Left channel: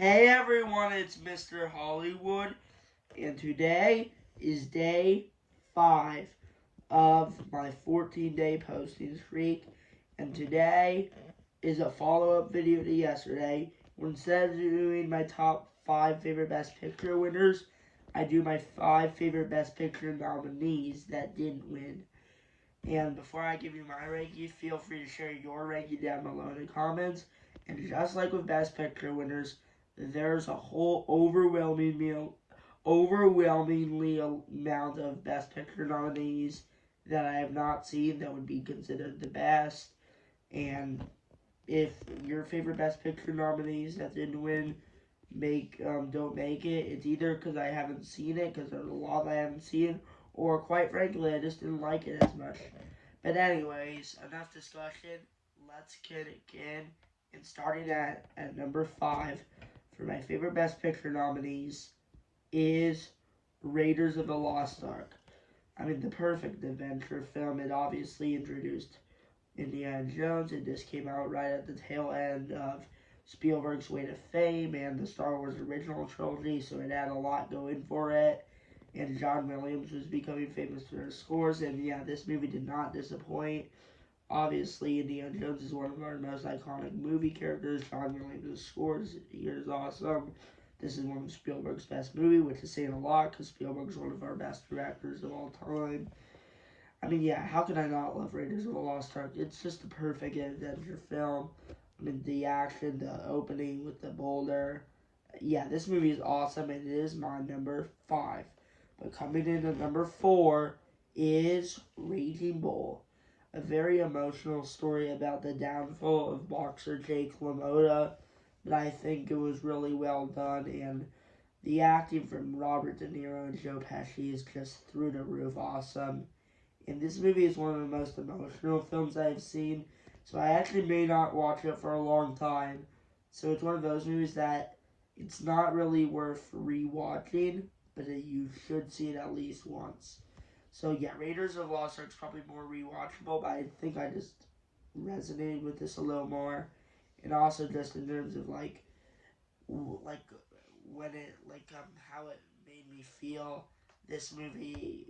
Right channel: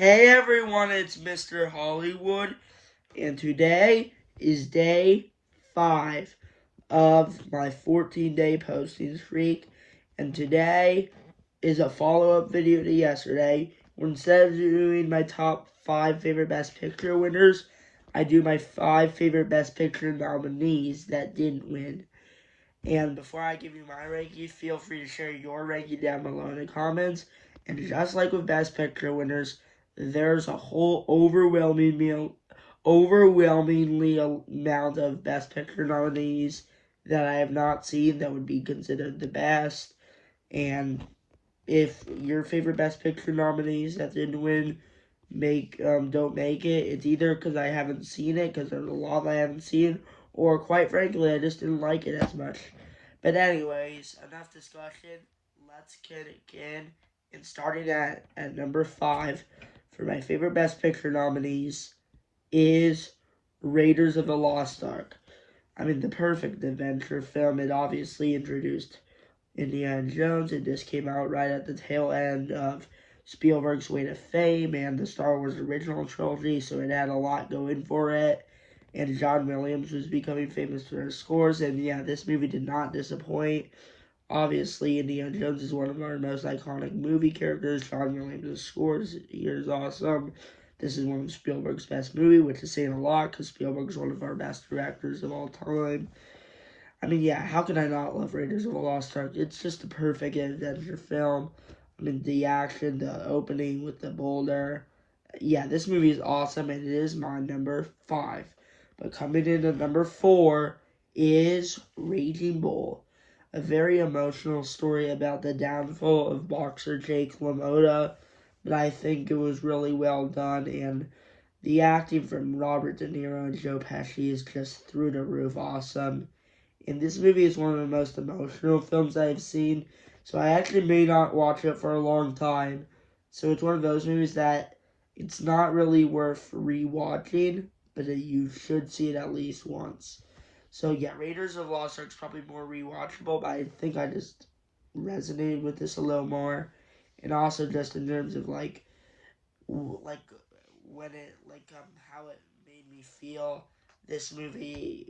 Hey everyone, it's Mr. Hollywood, and today is day 5 of my 14-day posting streak, and today is a follow-up video to yesterday, where instead of doing my top 5 favorite Best Picture winners, I do my 5 favorite Best Picture nominees that didn't win. And before I give you my ranking, feel free to share your ranking down below in the comments. And just like with Best Picture winners, there's a whole overwhelmingly amount of Best Picture nominees that I have not seen that would be considered the best. And if your favorite Best Picture nominees that didn't win don't make it, it's either because I haven't seen it, because there's a lot I haven't seen, or quite frankly, I just didn't like it as much. But anyways, enough discussion. Let's get it in. And starting at number 5 for my favorite Best Picture nominees is Raiders of the Lost Ark. I mean, the perfect adventure film. It obviously introduced Indiana Jones. It just came out right at the tail end of Spielberg's Way to Fame and the Star Wars original trilogy, so it had a lot going for it. And John Williams was becoming famous for his scores, and yeah, this movie did not disappoint. Obviously, Indiana Jones is one of our most iconic movie characters. John Williams' scores here is awesome. This is one of Spielberg's best movies, which is saying a lot because Spielberg's one of our best directors of all time. I mean, yeah, how can I not love Raiders of the Lost Ark? It's just a perfect adventure film. I mean, the action, the opening with the boulder. Yeah, this movie is awesome, and it is my number 5. But coming in at number 4 is Raging Bull, a very emotional story about the downfall of boxer Jake LaMotta. But I think it was really well done, and the acting from Robert De Niro and Joe Pesci is just through the roof awesome. And this movie is one of the most emotional films I've seen, so I actually may not watch it for a long time. So it's one of those movies that it's not really worth rewatching, but you should see it at least once. So yeah, Raiders of the Lost Ark is probably more rewatchable, but I think I just resonated with this a little more, and also just in terms of like when it how it made me feel. This movie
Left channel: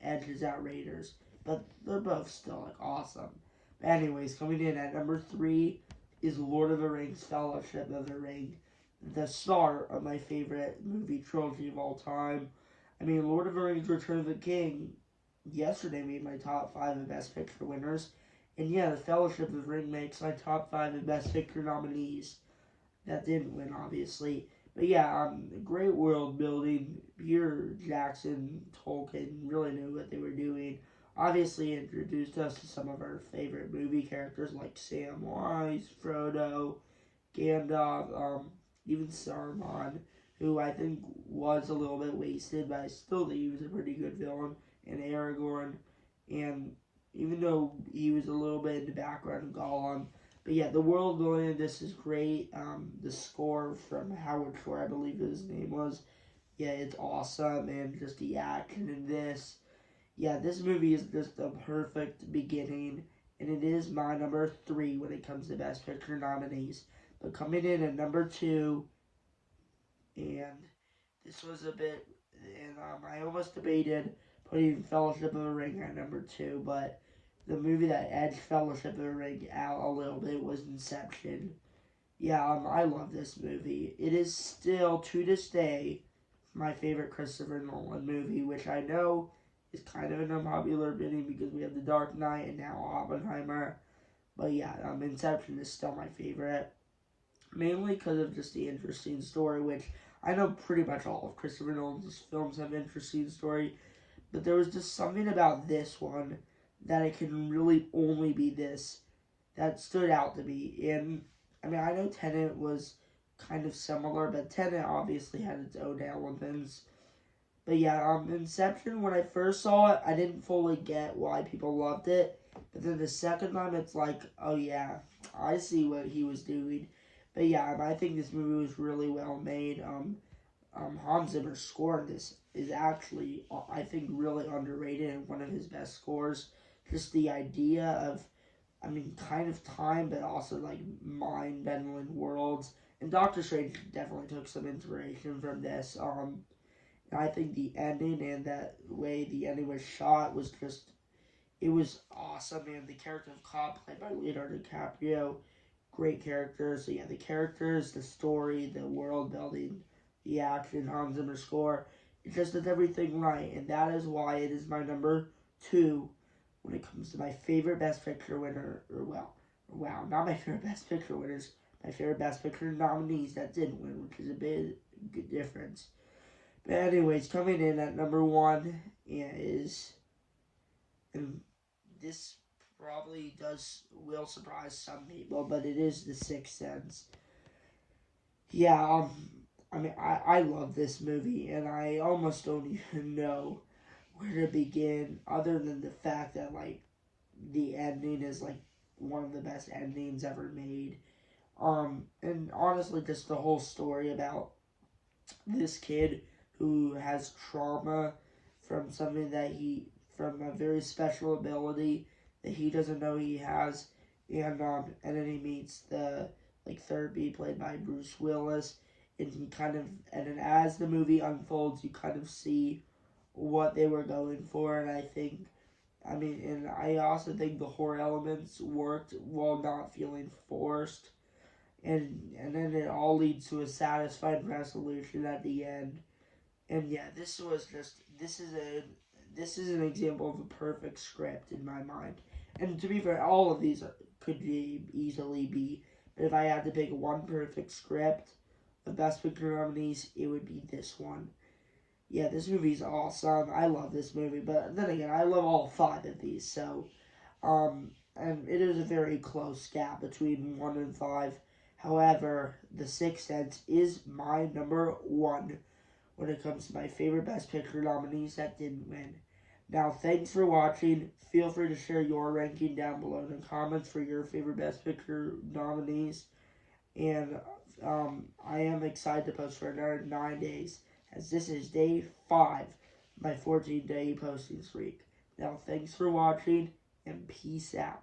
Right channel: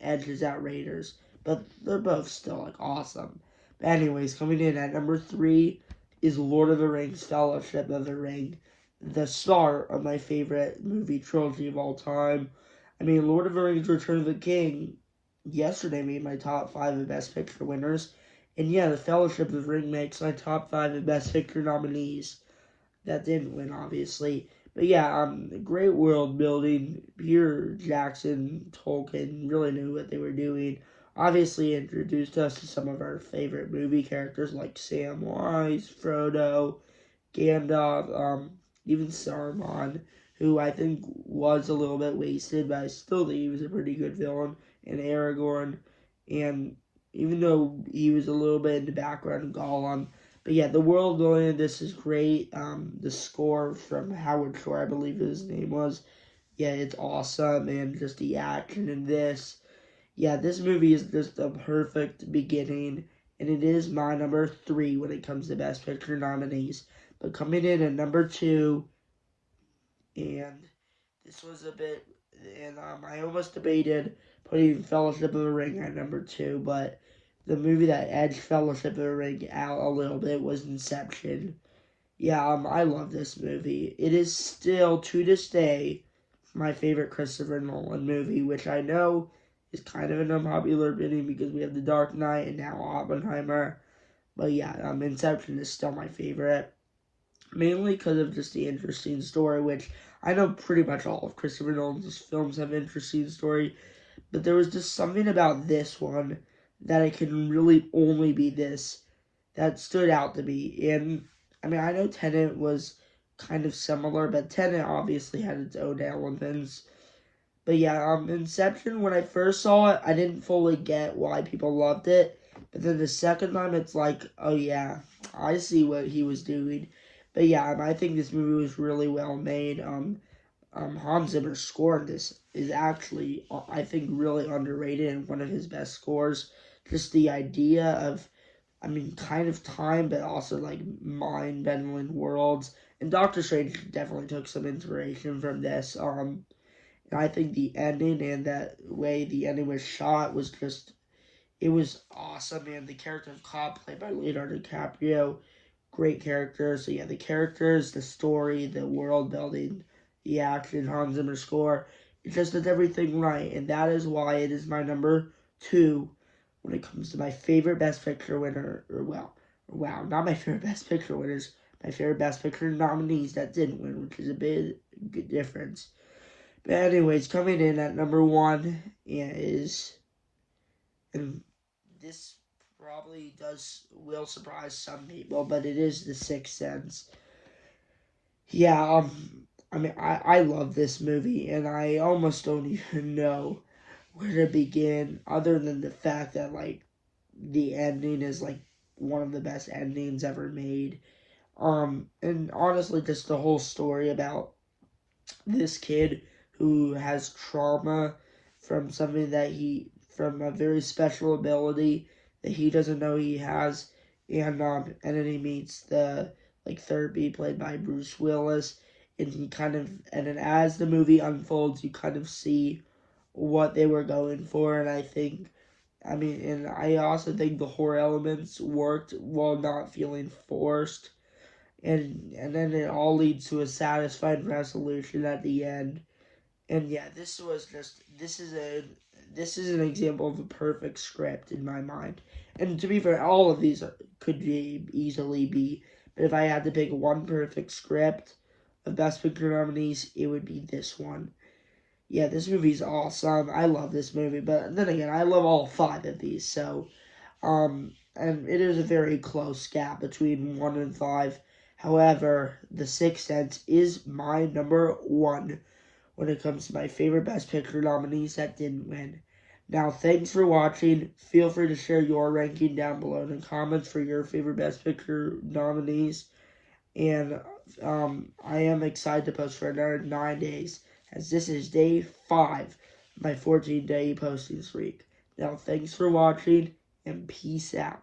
edges out Raiders, but they're both still like awesome. But anyways, coming in at number 3 is Lord of the Rings: Fellowship of the Ring, the start of my favorite movie trilogy of all time. I mean, Lord of the Rings: Return of the King yesterday made my top 5 of Best Picture winners, and yeah, the Fellowship of the Ring makes my top 5 of Best Picture nominees. That didn't win, obviously. But yeah, great world building. Peter Jackson, Tolkien really knew what they were doing. Obviously introduced us to some of our favorite movie characters like Samwise, Frodo, Gandalf, even Saruman, who I think was a little bit wasted, but I still think he was a pretty good villain, and Aragorn, and even though he was a little bit in the background, Gollum. But yeah, the world building of this is great. The score from Howard Shore, I believe his name was. Yeah, it's awesome, and just the action in this. Yeah, this movie is just a perfect beginning, and it is my number 3 when it comes to Best Picture nominees. But coming in at number 2, and this was a bit, and I almost debated putting Fellowship of the Ring at number 2, but the movie that edged Fellowship of the Ring out a little bit was Inception. Yeah, I love this movie. It is still, to this day, my favorite Christopher Nolan movie, which I know is kind of an unpopular opinion because we have The Dark Knight and now Oppenheimer. But yeah, Inception is still my favorite. Mainly because of just the interesting story, which I know pretty much all of Christopher Nolan's films have interesting story, but there was just something about this one that it can really only be this that stood out to me. And I mean, I know Tenet was kind of similar, but Tenet obviously had its own elements. But yeah, Inception, when I first saw it, I didn't fully get why people loved it. But then the second time, it's like, oh yeah, I see what he was doing. But yeah, I think this movie was really well made. Hans Zimmer's score in this is actually, I think, really underrated and one of his best scores. Just the idea of, I mean, kind of time, but also like mind-bending worlds, and Doctor Strange definitely took some inspiration from this. And I think the ending and that way the ending was shot was just, it was awesome. And the character of Cobb, played by Leonardo DiCaprio, great character. So yeah, the characters, the story, the world building, the action, Hans Zimmer score, it just does everything right, and that is why it is my number 2 when it comes to my favorite Best Picture winner. Or wow, not my favorite Best Picture winners, my favorite Best Picture nominees that didn't win, which is a big difference. But anyways, coming in at number 1 is, and this probably will surprise some people, but it is The Sixth Sense. Yeah, I mean, I love this movie, and I almost don't even know where to begin, other than the fact that, like, the ending is, like, one of the best endings ever made. And honestly, just the whole story about this kid who has trauma from something from a very special ability that he doesn't know he has, and then he meets the, like, therapy played by Bruce Willis, and then as the movie unfolds, you kind of see what they were going for, and and I also think the horror elements worked while not feeling forced, and then it all leads to a satisfying resolution at the end. And yeah, this is an example of a perfect script in my mind. And to be fair, all of these could easily be. But if I had to pick one perfect script of Best Picture nominees, it would be this one. Yeah, this movie's awesome. I love this movie, but then again, I love all 5 of these. So, and it is a very close gap between 1 and 5. However, The Sixth Sense is my number 1 when it comes to my favorite Best Picture nominees that didn't win. Now, thanks for watching. Feel free to share your ranking down below in the comments for your favorite Best Picture nominees. And I am excited to post for another 9 days, as this is day 5 of my 14-day posting streak. Now, thanks for watching, and peace out.